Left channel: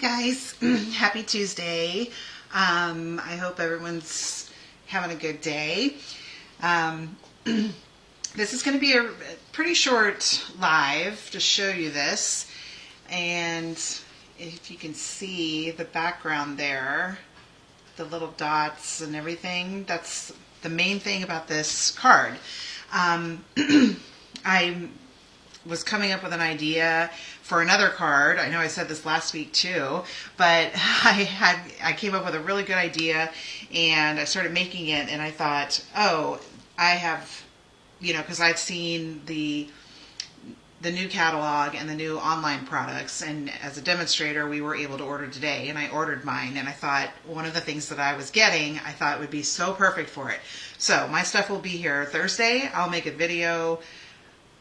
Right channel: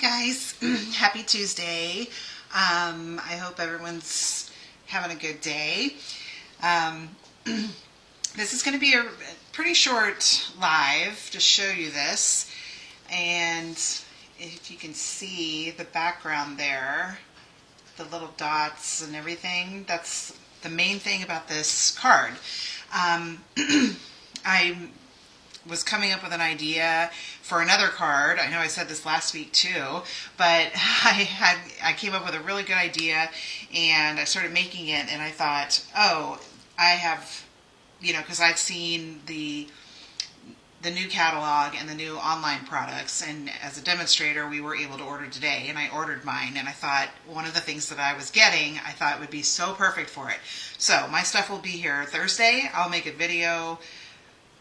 guys, happy Tuesday. I hope everyone's having a good day. This is going to be a pretty short live to show you this. And if you can see the background there, the little dots and everything, that's the main thing about this card. I was coming up with an idea for another card. I know I said this last week too, but I came up with a really good idea and I started making it, and I thought, oh, I have, because I've seen the new catalog and the new online products, and as a demonstrator we were able to order today, and I ordered mine, and I thought one of the things that I was getting, I thought would be so perfect for it. So my stuff will be here Thursday. I'll make a video.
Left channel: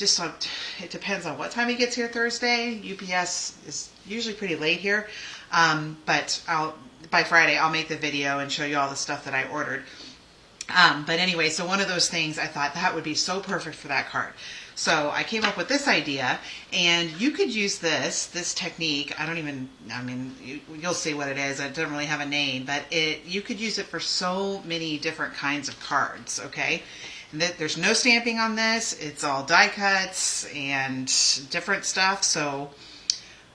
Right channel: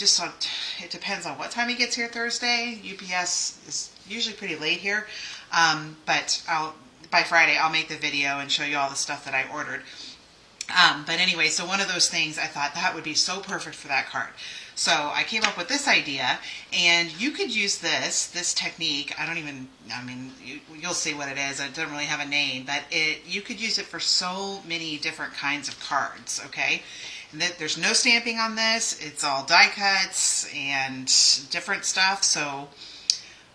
It depends on what time he gets here Thursday. UPS is usually pretty late here, but by Friday I'll make the video and show you all the stuff that I ordered. But anyway, so one of those things, I thought that would be so perfect for that card. So I came up with this idea, and you could use this technique. You'll see what it is. It doesn't really have a name, but you could use it for so many different kinds of cards, okay? And there's no stamping on this. It's all die cuts and different stuff. So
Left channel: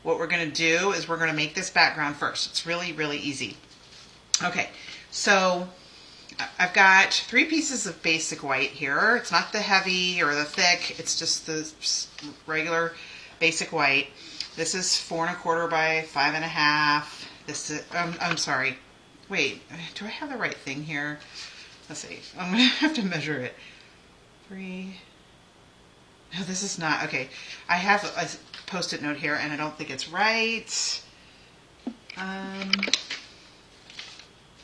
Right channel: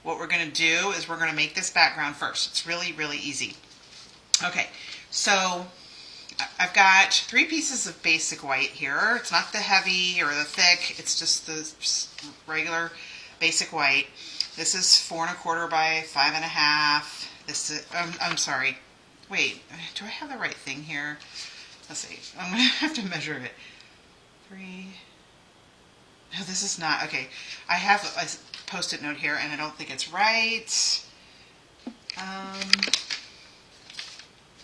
what we're going to do is we're going to make this background first. It's really, really easy. Okay, so I've got 3 pieces of basic white here. It's not the heavy or the thick. It's just the regular basic white. This is 4 1/4 by 5 1/2. This is, I'm sorry. Wait, do I have the right thing here? Let's see. I'm going to have to measure it. 3. No, this is not. Okay. I have a Post-it note here, and I don't think it's right.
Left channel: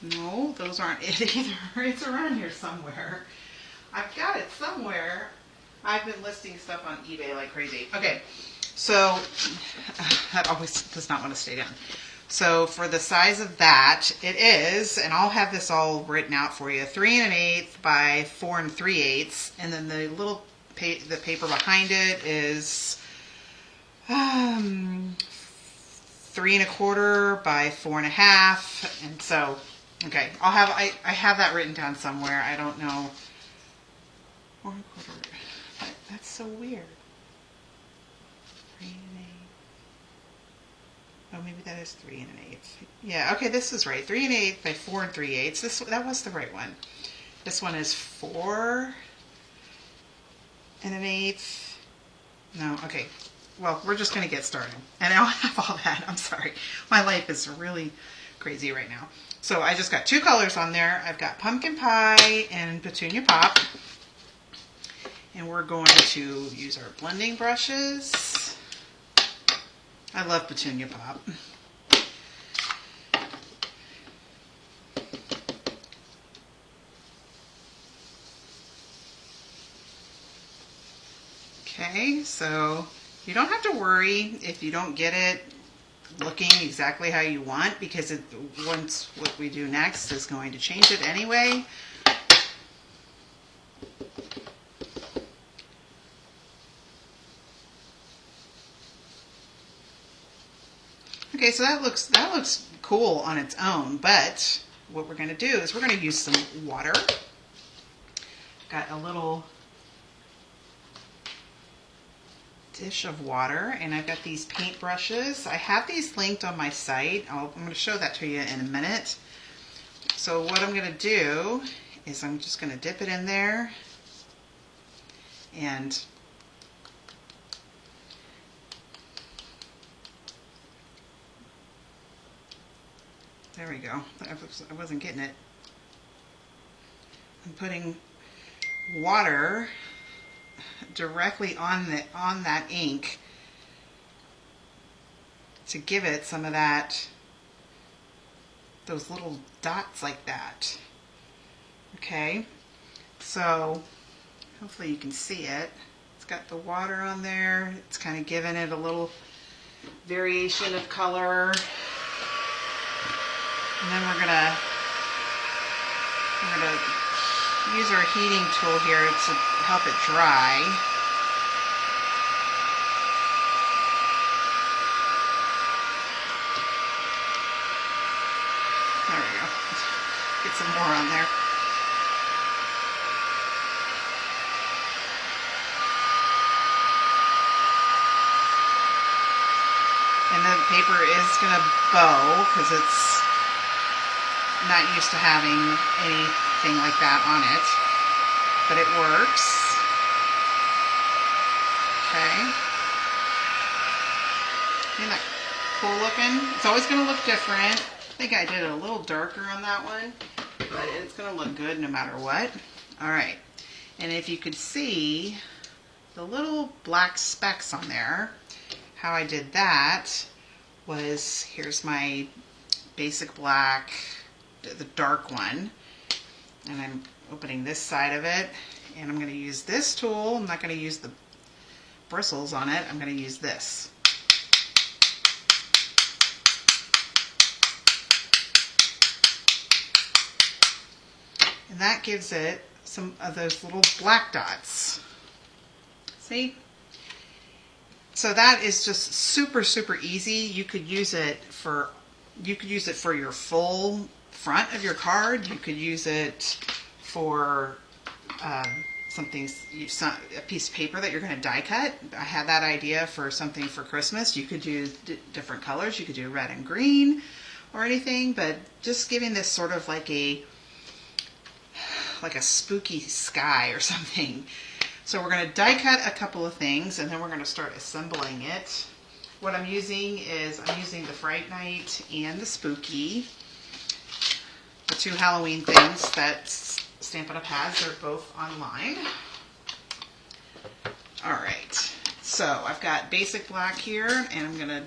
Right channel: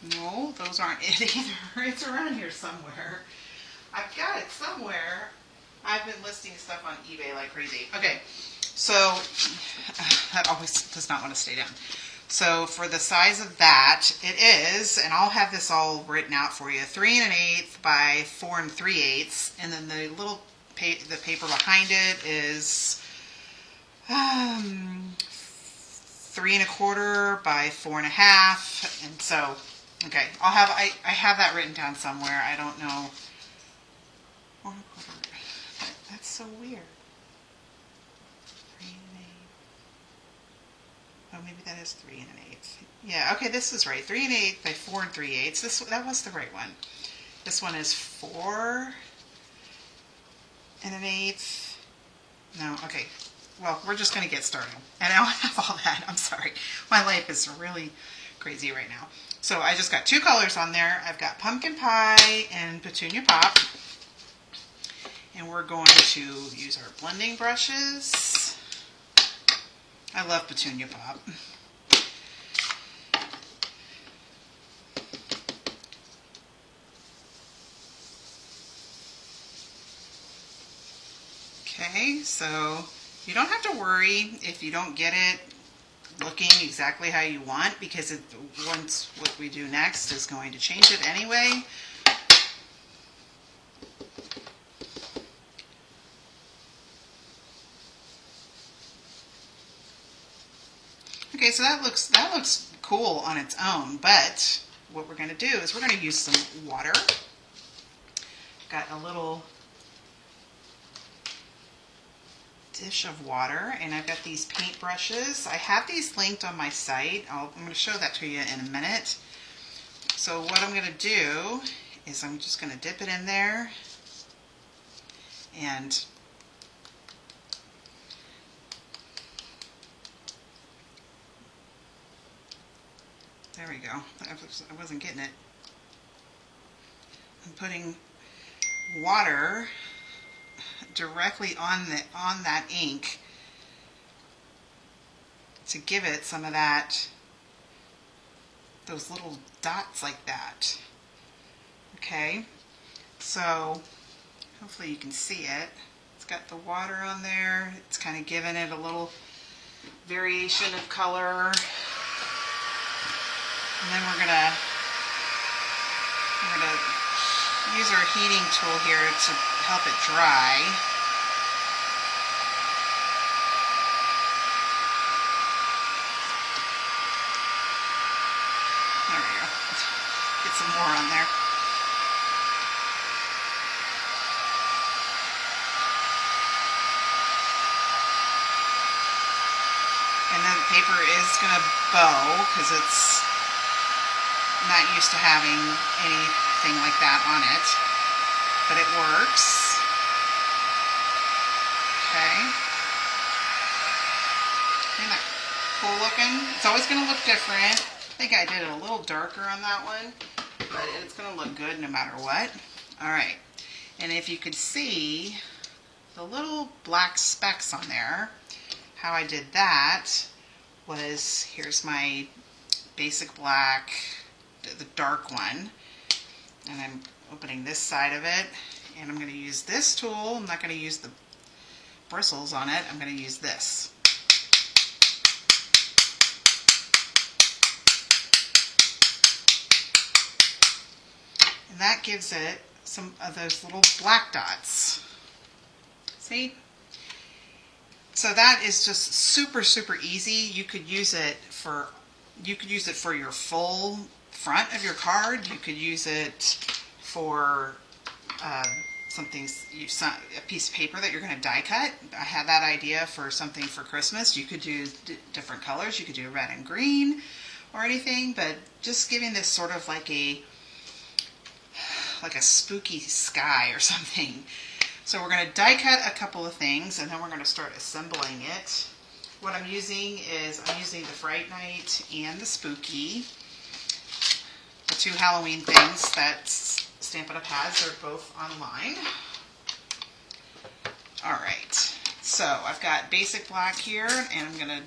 No, those aren't it either. It's around here somewhere. I've got it somewhere. I've been listing stuff on eBay like crazy. Okay. So, that always does not want to stay down. So for the size of that, it is, and I'll have this all written out for you, 3 1/8 by 4 3/8, and then the little the paper behind it is 3 1/4 by 4 1/2, and so okay, I have that written down somewhere. I don't know. 4 1/4. That's so weird. 3 1/8. Oh, maybe that is 3 1/8. Yeah, okay, this is right. 3 1/8 by 4 3/8. That was the right one. This one is 4 1/8. No, okay. Well, we're just going to get started. And I don't have all that. I'm sorry. My life is really crazy right now. So I just got 2 colors on there. I've got Pumpkin Pie and Petunia Pop. And we're going to use our blending brushes. I love Petunia Pop. Okay, so you don't have to worry if you don't get it looking exactly how you want, because once what we do next is going to change it anyway. Okay, so that looks cool on its own, but what we're going to do is we're going to use some water. Got a little dish of water, and I've got these paint brushes. I have these linked on my site. I'm going to show that to you in a minute. So what I'm going to do is I'm just going to dip it in there, and there we go. I wasn't getting it. I'm putting water directly on that ink to give it some of those little dots like that. Okay, so hopefully you can see it. It's got the water on there. It's kind of giving it a little variation of color. And then we're gonna use our heating tool here to help it dry. get some more on there. And then the paper is going to bow because it's not used to having anything like that on it. But it works. Okay. Isn't that cool looking? It's always going to look different. I think I did it a little darker on that one, but it's going to look good no matter what. All right. And if you could see the little black specks on there, how I did that was, here's my basic black, the dark one, and I'm opening this side of it, and I'm going to use this tool. I'm not going to use the bristles on it. I'm going to use this. And that gives it some of those little black dots. See? So that is just super, super easy. You could use it for your full front of your card. You could use it for a piece of paper that you're going to die cut. I had that idea for something for Christmas. You could do different colors. You could do red and green or anything, but just giving this sort of like a spooky sky or something. So we're going to die cut a couple of things, and then we're going to start assembling it. What I'm using is the Fright Night and the Spooky, the two Halloween things that Stampin' Up! Has. They're both online. All right, so I've got basic black here, and I'm going to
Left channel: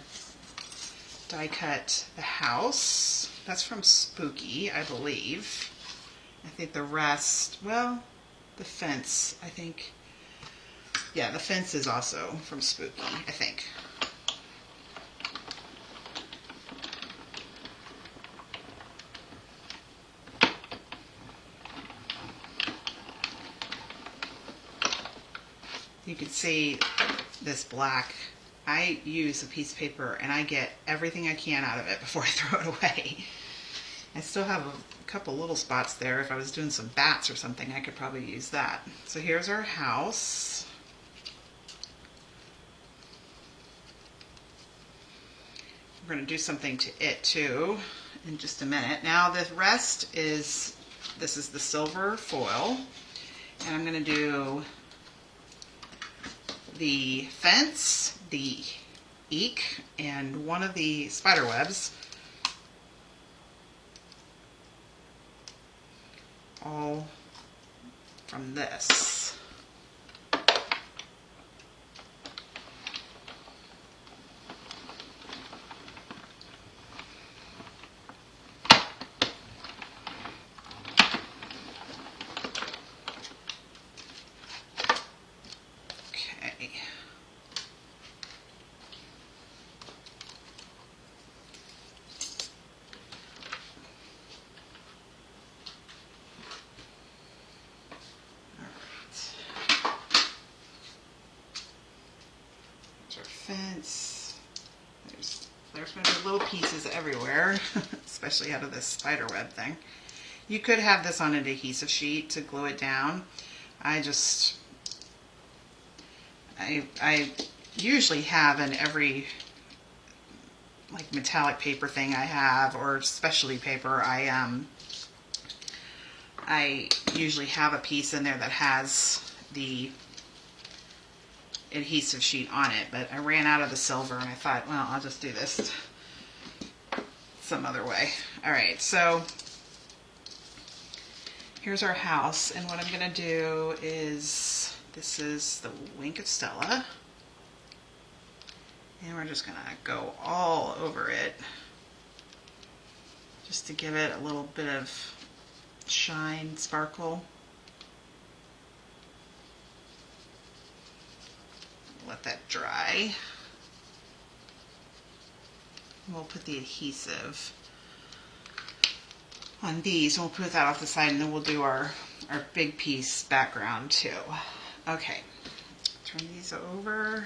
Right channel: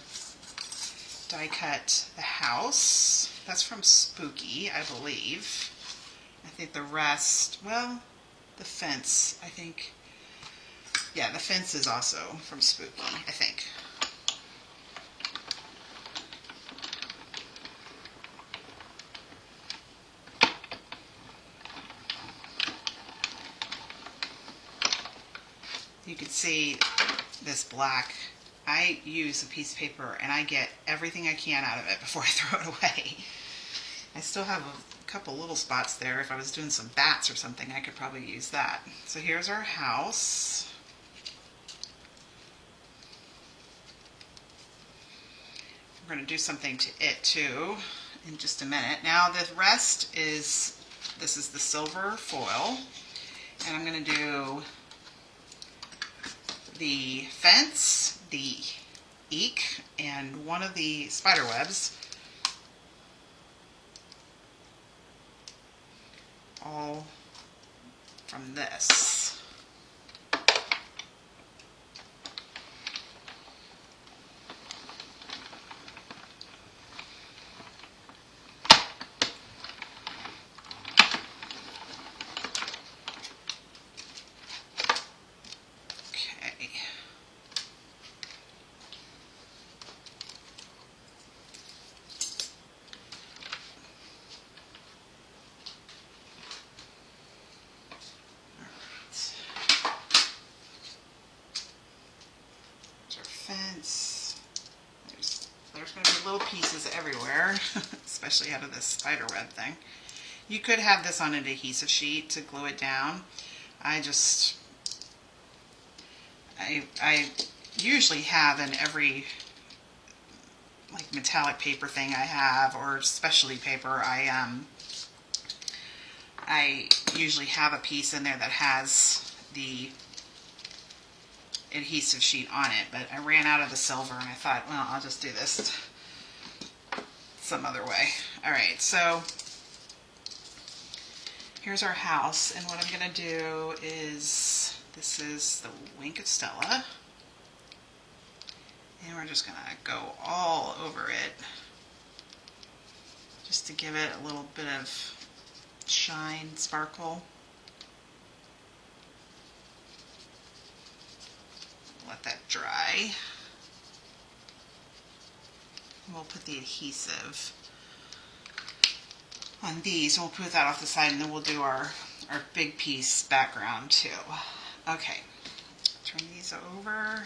die cut the house. That's from Spooky, I believe. I think the rest, well, the fence, I think. Yeah, the fence is also from Spooky, I think. You can see this black. I use a piece of paper and I get everything I can out of it before I throw it away. I still have a couple little spots there. If I was doing some bats or something, I could probably use that. So here's our house. We're going to do something to it too in just a minute. Now the rest is, this is the silver foil, and I'm going to do the fence, the eek, and one of the spider webs, all from this. Fence. There's going to be little pieces everywhere, especially out of this spider web thing. You could have this on an adhesive sheet to glue it down. I usually have in every like metallic paper thing I have, or specialty paper, I usually have a piece in there that has the adhesive sheet on it, but I ran out of the silver and I thought, well, I'll just do this some other way. All right, so here's our house, and what I'm going to do is, this is the Wink of Stella, and we're just going to go all over it just to give it a little bit of shine, sparkle. Let that dry. And we'll put the adhesive on these, and we'll put that off the side, and then we'll do our big piece background too. Okay, turn these over.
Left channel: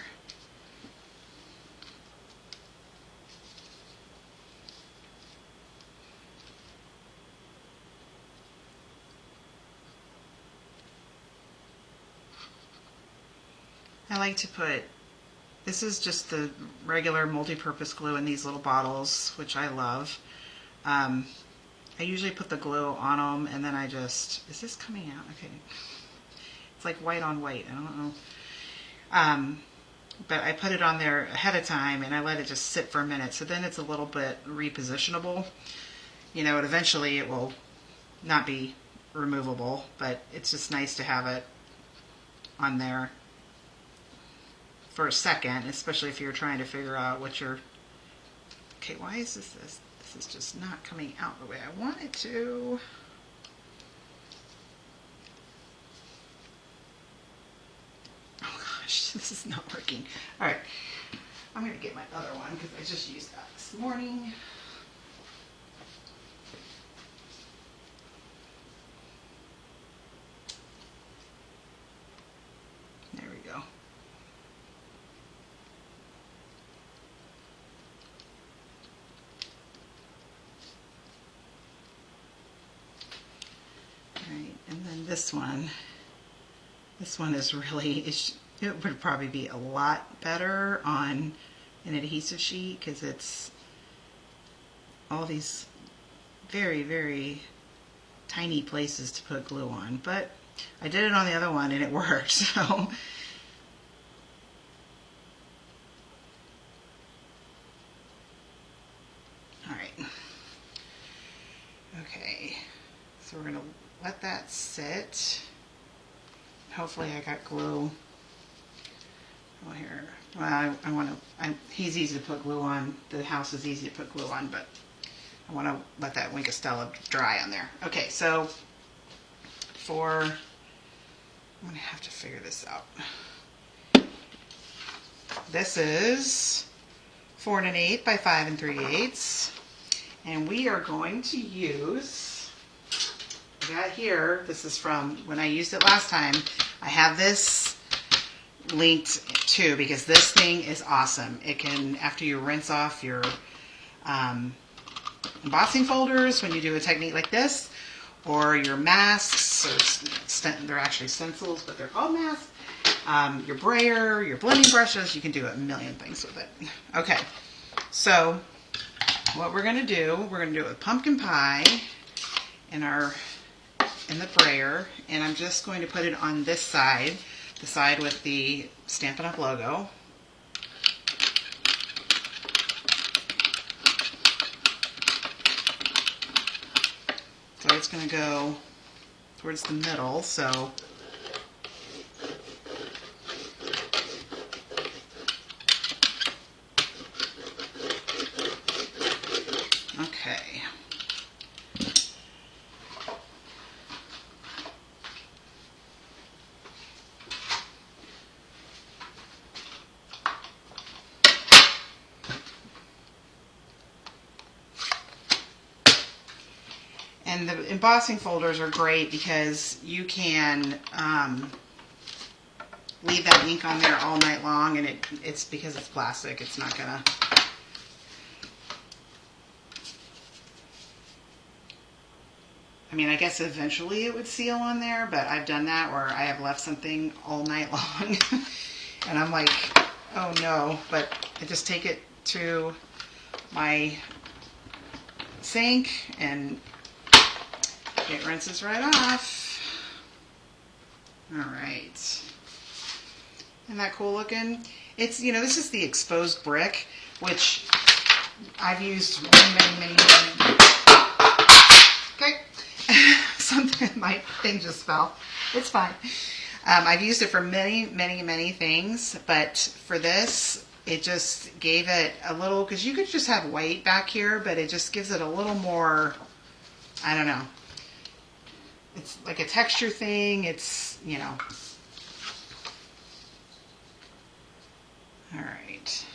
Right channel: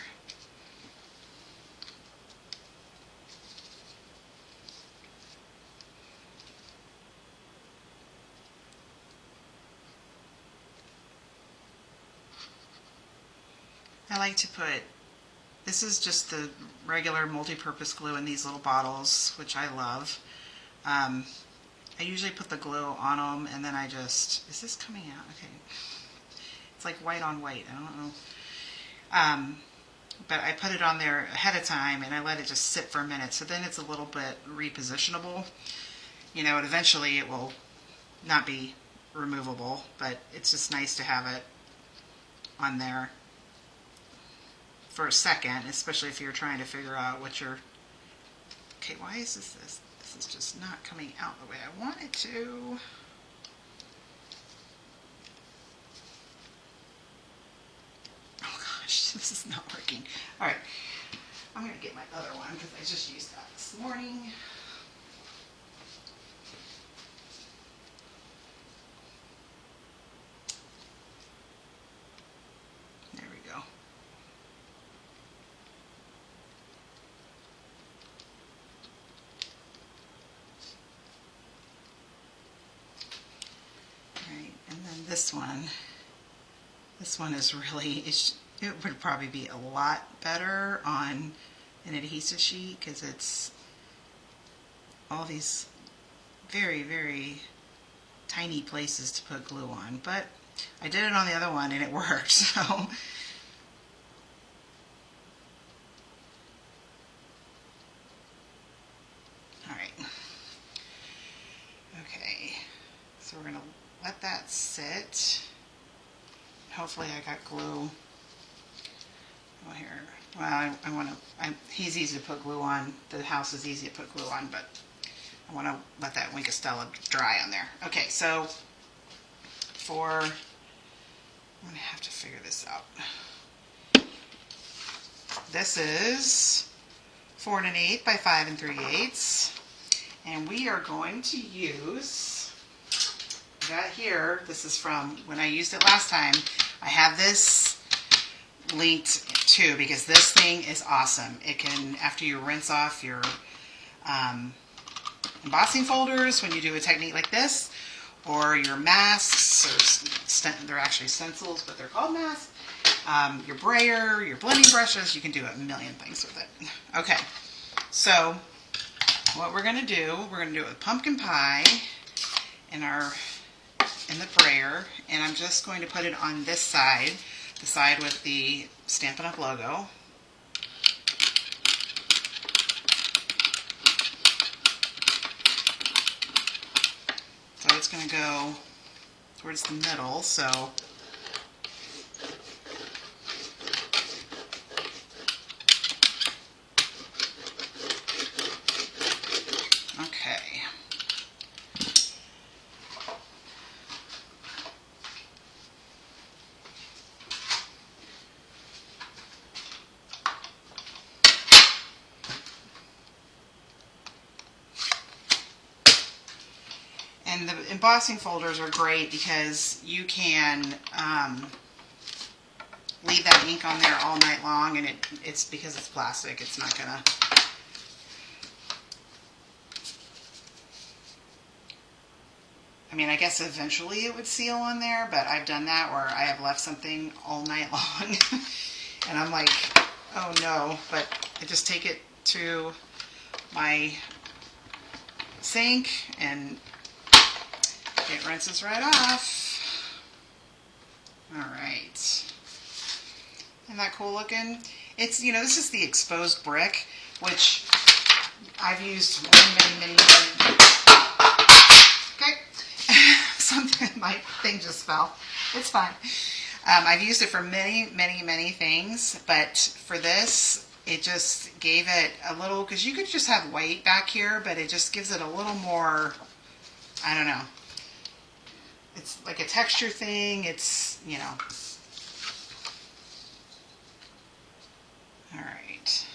I like to put, this is just the regular multi-purpose glue in these little bottles, which I love. I usually put the glue on them and then I just, is this coming out? Okay. It's like white on white. I don't know. But I put it on there ahead of time and I let it just sit for a minute. So then it's a little bit repositionable. You know, and eventually it will not be removable, but it's just nice to have it on there for a second, especially if you're trying to figure out what you're, okay, why is this? This is just not coming out the way I want it to. Oh gosh, this is not working. All right, I'm going to get my other one because I just used that this morning. There we go. Right, and then this one is really, it would probably be a lot better on an adhesive sheet because it's all these very, very tiny places to put glue on. But I did it on the other one and it worked, so. All right. Okay, so we're going to let that sit. Hopefully I got glue. Oh, here. Well, I want to, he's easy to put glue on. The house is easy to put glue on, but I want to let that Wink of Stella dry on there. Okay, so I'm going to have to figure this out. This is 4 1/8 by 5 3/8. And we are going to use that here. This is from when I used it last time. I have this linked too because this thing is awesome. It can, after you rinse off your embossing folders when you do a technique like this, or your masks, or they're actually stencils, but they're called masks. Your brayer, your blending brushes, you can do a million things with it. Okay, so what we're going to do it with pumpkin pie in the brayer, and I'm just going to put it on this side, the side with the Stampin' Up! Logo. So it's going to go towards the middle, so okay. And the embossing folders are great because you can leave that ink on there all night long, and it's because it's plastic, it's not gonna. I mean, I guess eventually it would seal on there, but I've done that where I have left something all night long and I'm like, oh no, but I just take it to my sink and it rinses right off. All right. Isn't that cool looking? It's, you know, this is the exposed brick, which I've used many. Okay. Something, my thing just fell. It's fine. I've used it for many things, but for this, it just gave it a little, because you could just have white back here, but it just gives it a little more, I don't know. It's like a texture thing. It's, you know. All right.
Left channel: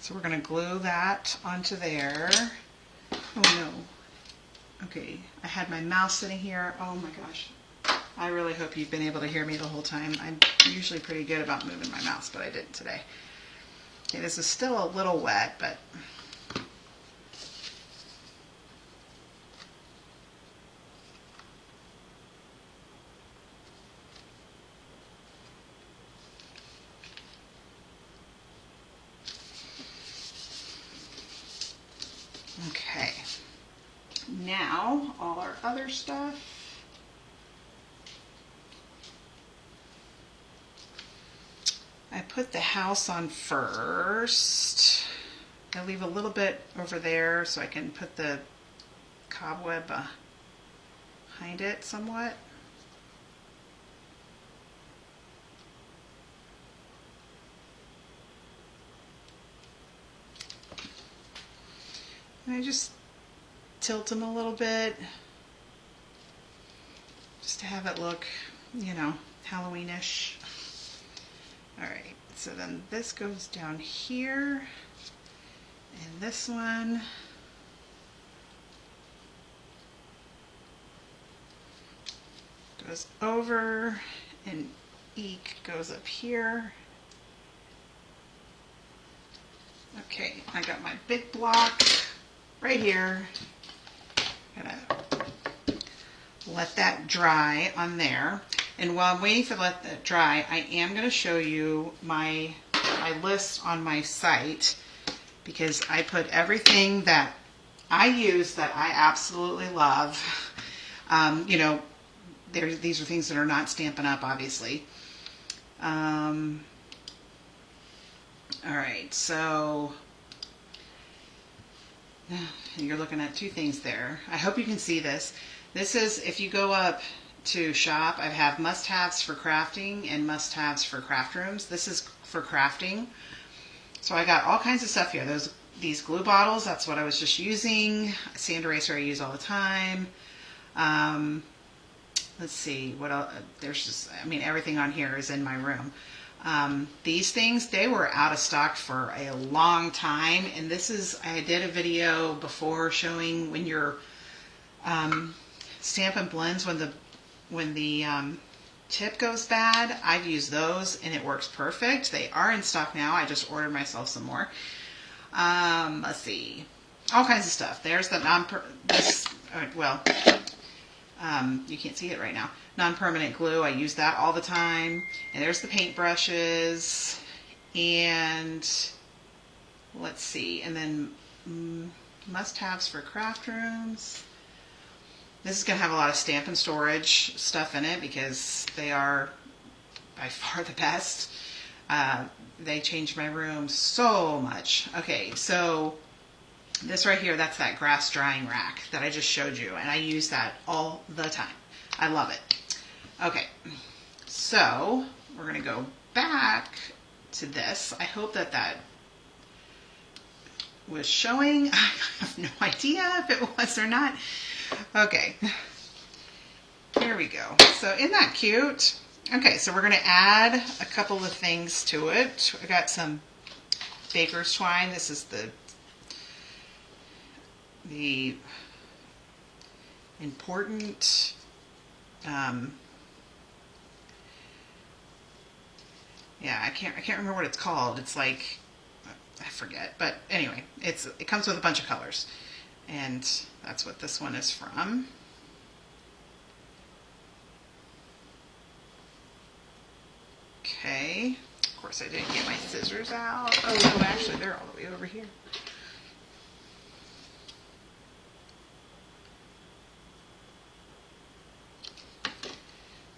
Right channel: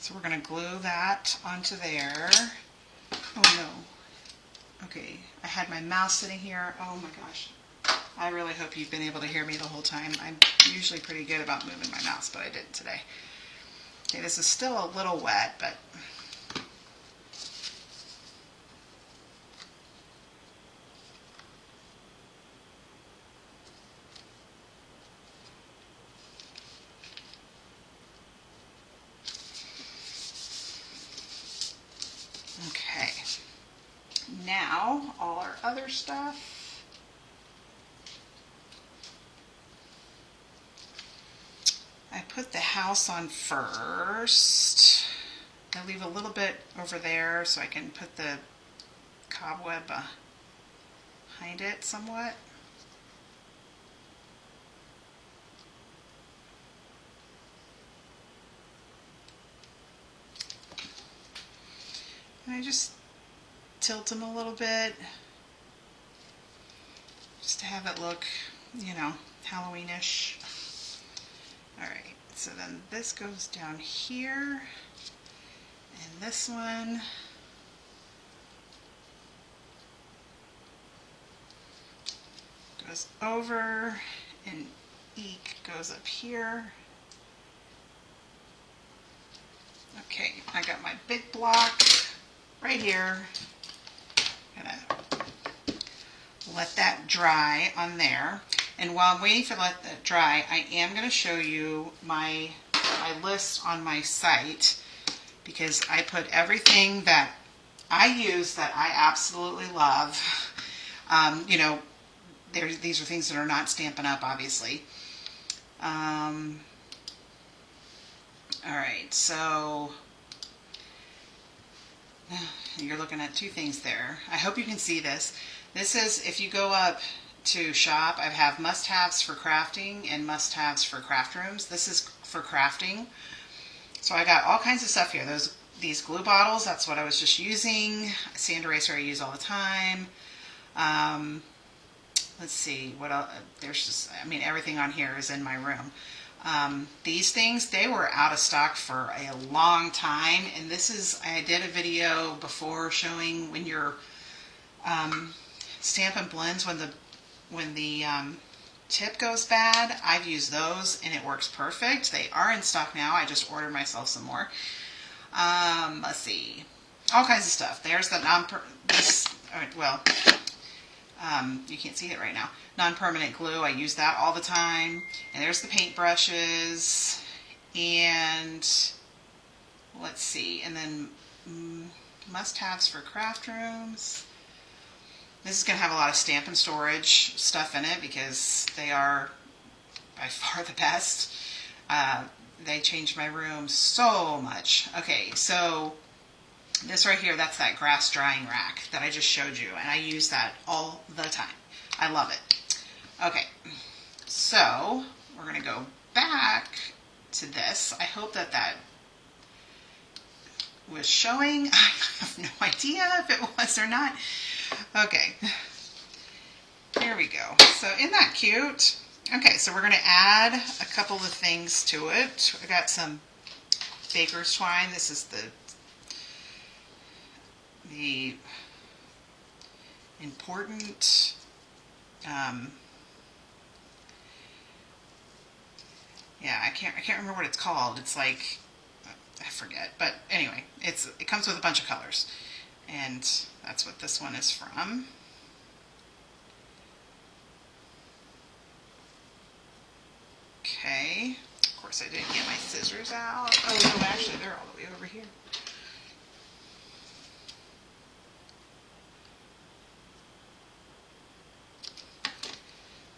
So we're going to glue that onto there. Oh no. Okay, I had my mouse sitting here. Oh my gosh. I really hope you've been able to hear me the whole time. I'm usually pretty good about moving my mouse, but I didn't today. Okay, this is still a little wet, but Okay. Now, all our other stuff. I put the house on first. I leave a little bit over there so I can put the cobweb behind it somewhat. And I just tilt them a little bit just to have it look, you know, Halloweenish. All right, so then this goes down here, and this one goes over, and eek goes up here. Okay, I got my big block right here. Gonna let that dry on there. And while I'm waiting to let that dry, I am going to show you my list on my site, because I put everything that I use that I absolutely love. You know, these are things that are not Stampin' Up, obviously. All right, so you're looking at two things there. I hope you can see this. This is, if you go up to shop, I have must-haves for crafting and must-haves for craft rooms. This is for crafting. So I got all kinds of stuff here. These glue bottles, that's what I was just using. Sand eraser I use all the time. Let's see, what else? There's just, I mean, everything on here is in my room. These things, they were out of stock for a long time. And this is, I did a video before showing when your Stampin' Blends, when the tip goes bad. I've used those and it works perfect. They are in stock now. I just ordered myself some more. Let's see, all kinds of stuff. There's the you can't see it right now. Non-permanent glue. I use that all the time. And there's the paint brushes. And let's see. And then must-haves for craft rooms. This is going to have a lot of Stampin' Storage stuff in it because they are by far the best. They changed my room so much. Okay, so this right here, that's that grass drying rack that I just showed you, and I use that all the time. I love it. Okay, so we're going to go back to this. I hope that was showing. I have no idea if it was or not. Okay, here we go. So isn't that cute? Okay, so we're going to add a couple of things to it. I got some baker's twine. This is the important yeah, I can't remember what it's called. It's like, I forget, but anyway, it comes with a bunch of colors, and that's what this one is from. Okay, of course I didn't get my scissors out. Oh no, actually they're all the way over here.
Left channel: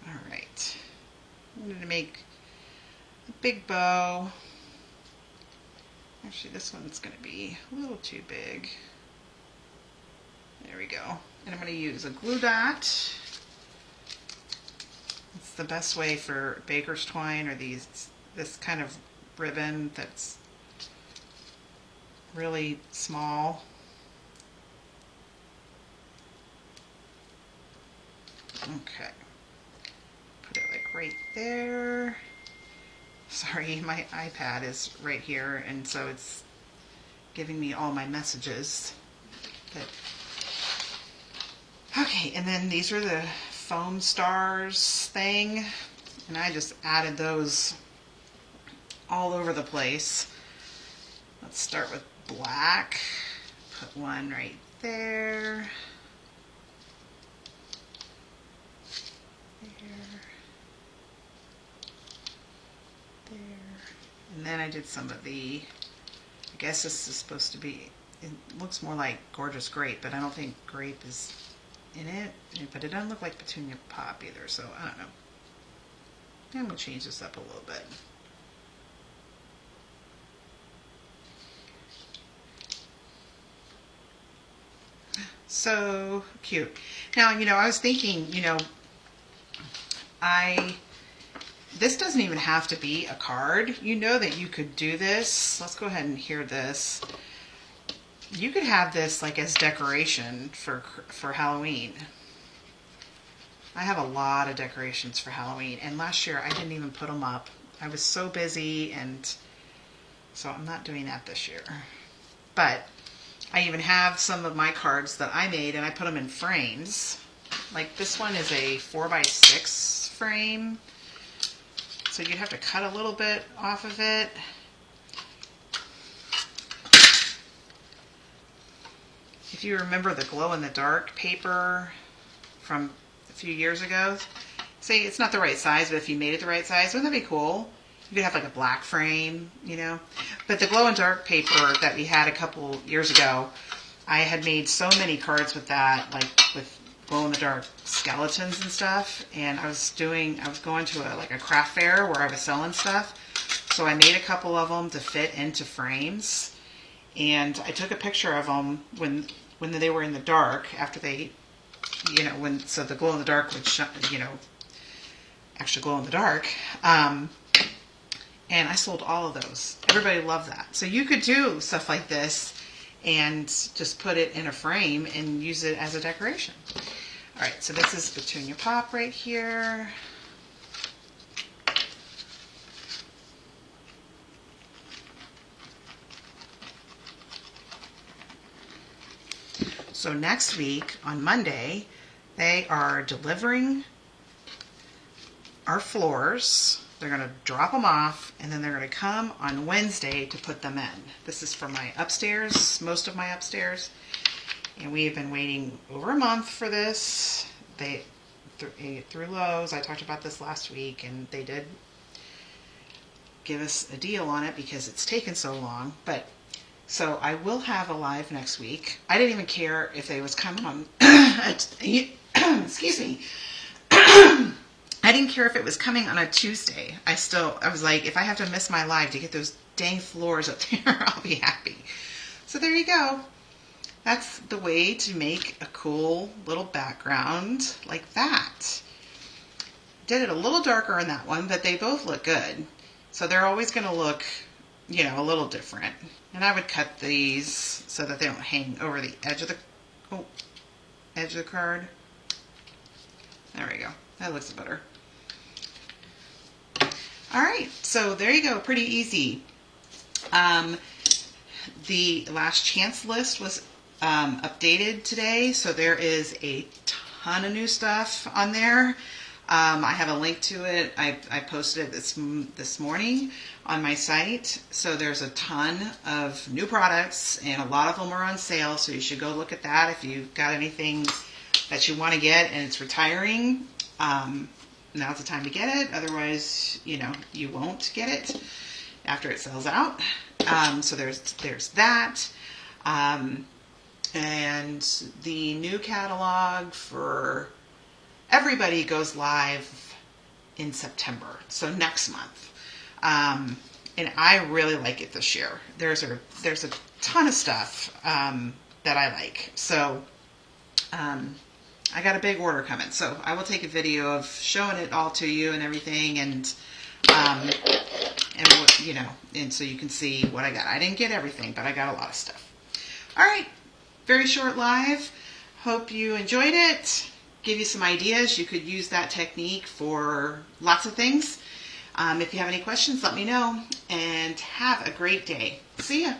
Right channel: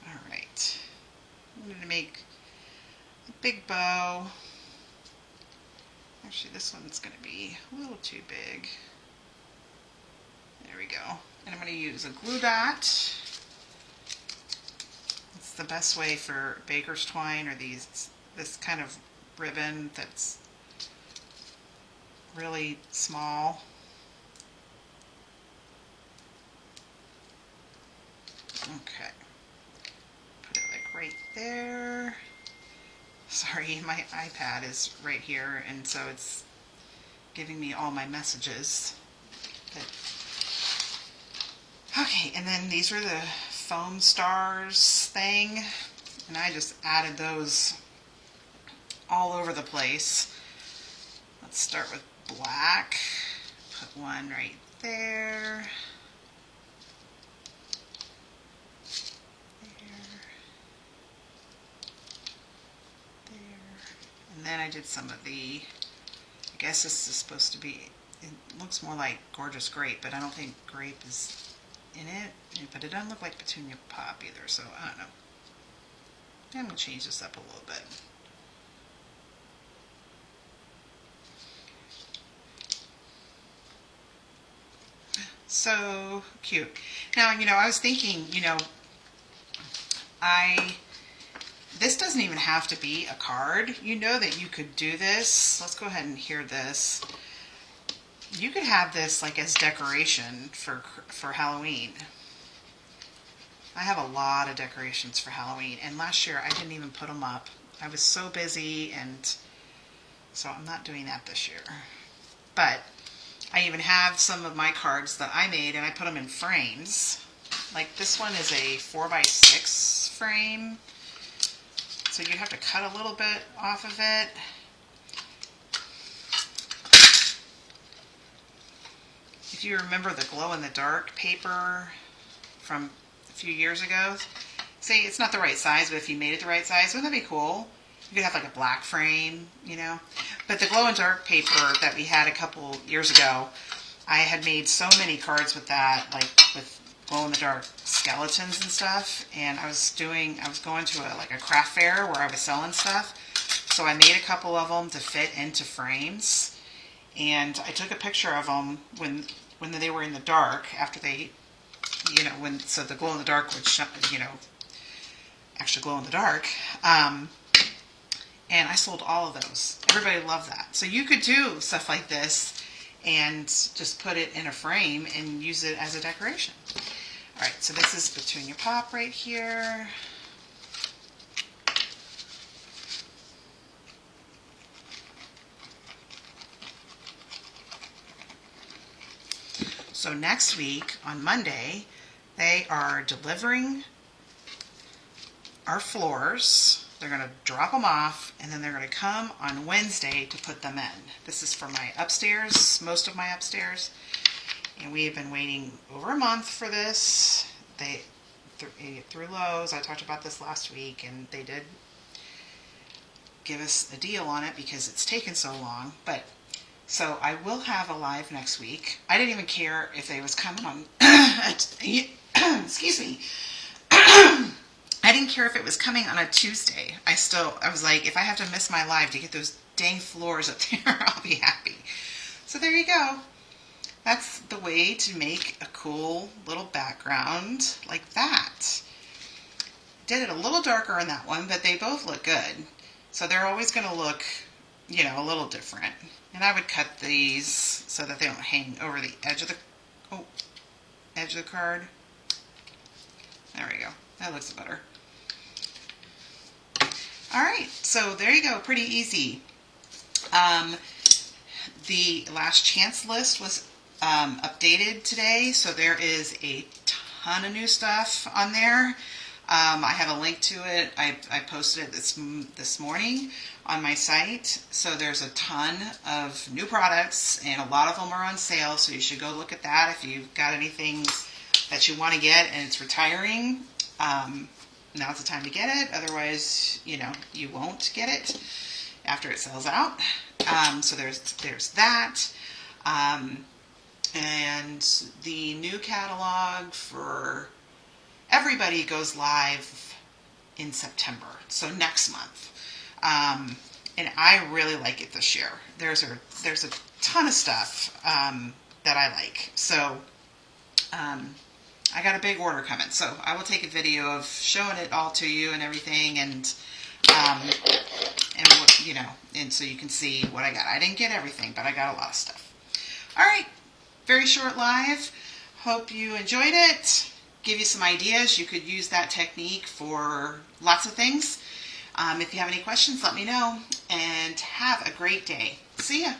All right, I'm going to make a big bow. Actually, this one's going to be a little too big. There we go. And I'm going to use a glue dot. It's the best way for baker's twine, or this kind of ribbon that's really small. Okay. Put it like right there. Sorry, my iPad is right here, and so it's giving me all my messages. Okay, and then these are the foam stars thing, and I just added those all over the place. Let's start with black. Put one right there. And then I did some of the, I guess this is supposed to be it looks more like Gorgeous Grape, but I don't think grape is in it. But it doesn't look like Petunia Pop either, so I don't know. I'm going to change this up a little bit. So cute. Now, I was thinking, this doesn't even have to be a card. You know that you could do this. Let's go ahead and hear this. You could have this like as decoration for Halloween. I have a lot of decorations for Halloween, and last year I didn't even put them up. I was so busy, and so I'm not doing that this year. But I even have some of my cards that I made, and I put them in frames. Like this one is a 4x6 frame, so you'd have to cut a little bit off of it. If you remember the glow-in-the-dark paper from a few years ago, see, it's not the right size, but if you made it the right size, wouldn't that be cool? You could have like a black frame, But the glow-in-dark paper that we had a couple years ago, I had made so many cards with that, like with glow-in-the-dark skeletons and stuff. And I was going to a craft fair where I was selling stuff. So I made a couple of them to fit into frames. And I took a picture of them when they were in the dark, after they, so the glow-in-the-dark would, actually glow in the dark. And I sold all of those. Everybody loved that. So you could do stuff like this and just put it in a frame and use it as a decoration. All right, so this is Petunia Pop right here. So next week, on Monday, they are delivering our floors. They're going to drop them off, and then they're going to come on Wednesday to put them in. This is for my upstairs, most of my upstairs. And we have been waiting over a month for this. Through Lowe's, I talked about this last week, and they did give us a deal on it because it's taken so long. So I will have a live next week. I didn't even care if they was coming on, excuse me. I didn't care if it was coming on a Tuesday. I was like, if I have to miss my live to get those dang floors up there, I'll be happy. So there you go. That's the way to make a cool little background like that. Did it a little darker on that one, but they both look good. So they're always going to look, a little different. And I would cut these so that they don't hang over the edge of the card. There we go. That looks better. All right, so there you go. Pretty easy. The last chance list was updated today, so there is a ton of new stuff on there. I have a link to it. I posted it this morning on my site. So there's a ton of new products, and a lot of them are on sale, so you should go look at that if you've got anything that you want to get and it's retiring. Now's the time to get it. Otherwise, you won't get it after it sells out. So there's that. And the new catalog for everybody goes live in September, so next month. And I really like it this year. There's a ton of stuff that I like. So I got a big order coming, so I will take a video of showing it all to you and everything, and what, and so you can see what I got. I didn't get everything, but I got a lot of stuff. All right, very short live. Hope you enjoyed it. Give you some ideas. You could use that technique for lots of things. If you have any questions, let me know, and have a great day. See ya.